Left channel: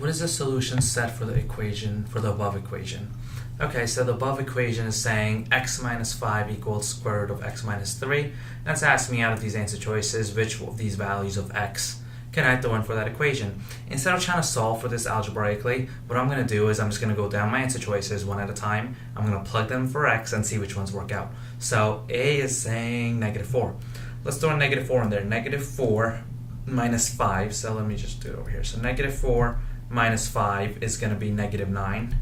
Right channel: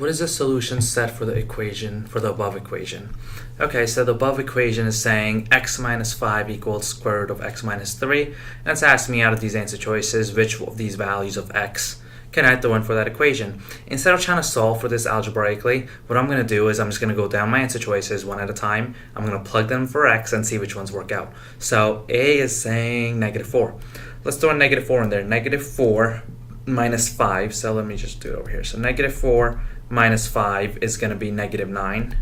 What is the solution set for the equation, for the above equation? Okay, so the above equation is saying x minus 5 equals square root of x minus 3. And it's asking me out of these answer choices, which of these values of x can I throw in for that equation? Instead of trying to solve for this algebraically, what I'm going to do is I'm just going to go down my answer choices one at a time. I'm going to plug them for x and see which ones work out. So A is saying negative 4. Let's throw a negative 4 in there. Negative 4 minus 5. So let me just do it over here. So negative 4 minus 5 is going to be negative 9.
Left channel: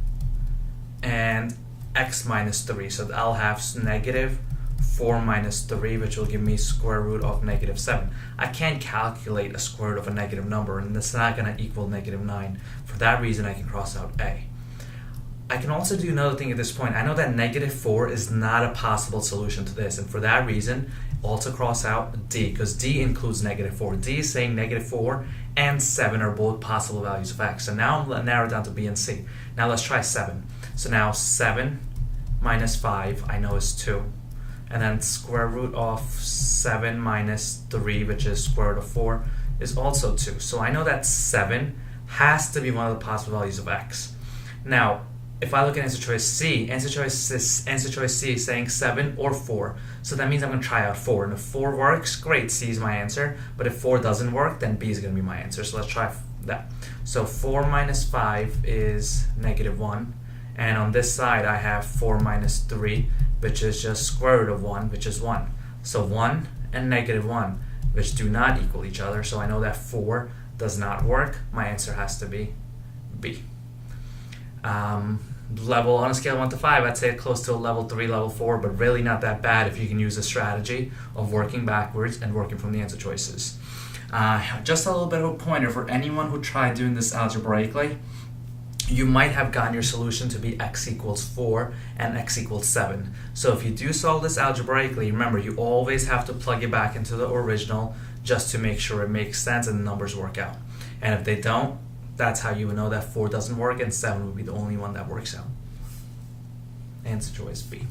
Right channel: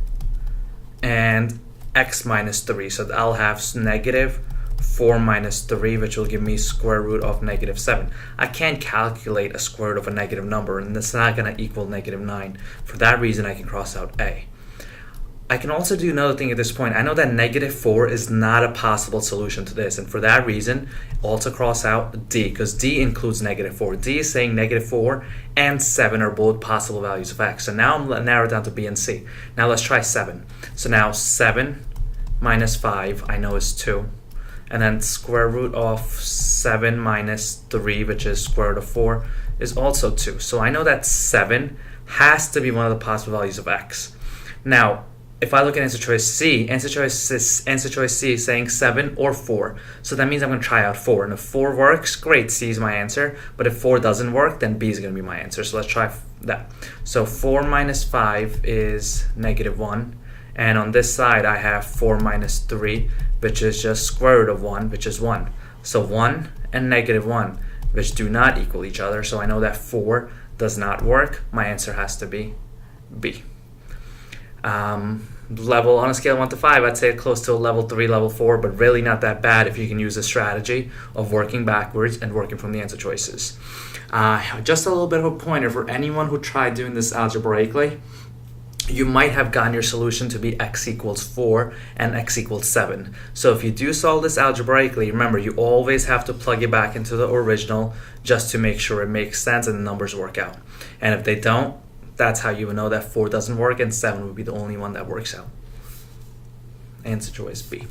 And x minus 3. So I'll have negative 4 minus 3, which will give me square root of negative 7. I can't calculate a square root of a negative number, and it's not going to equal negative 9. For that reason, I can cross out A. I can also do another thing at this point. I know that negative 4 is not a possible solution to this, and for that reason, also cross out D, because D includes negative 4. D is saying negative 4 and 7 are both possible values of x. So now I'm narrowed down to B and C. Now let's try 7. So now 7 minus 5, I know is 2. And then square root of 7 minus 3, which is square root of 4, is also 2. So I know that 7 has to be one of the possible values of x. Now, if I look at answer choice C, answer choice C is saying 7 or 4. So that means I'm going to try out 4. And if 4 works, great, C is my answer. But if 4 doesn't work, then B is going to be my answer. So let's try that. So 4 minus 5 is negative 1. And on this side, I have 4 minus 3, which is just square root of 1, which is 1. So 1 and negative 1, which do not equal each other. So I know that 4 does not work. My answer has to be B. Level on a scale of 1 to 5, I'd say close to a level 3, level 4, but really not that bad if you can use a strategy of working backwards and working from the answer choices. Just a little bit of a pointer for anyone who tried doing this algebraically. You might have gotten your solution to be x equals 4 and x equals 7. So if you do solve this algebraically, remember you always have to plug it back into the original just to make sure it makes sense and the numbers work out. And if they don't, that's how you would know that 4 doesn't work and 7 would be the only one that works out. Answer choice B.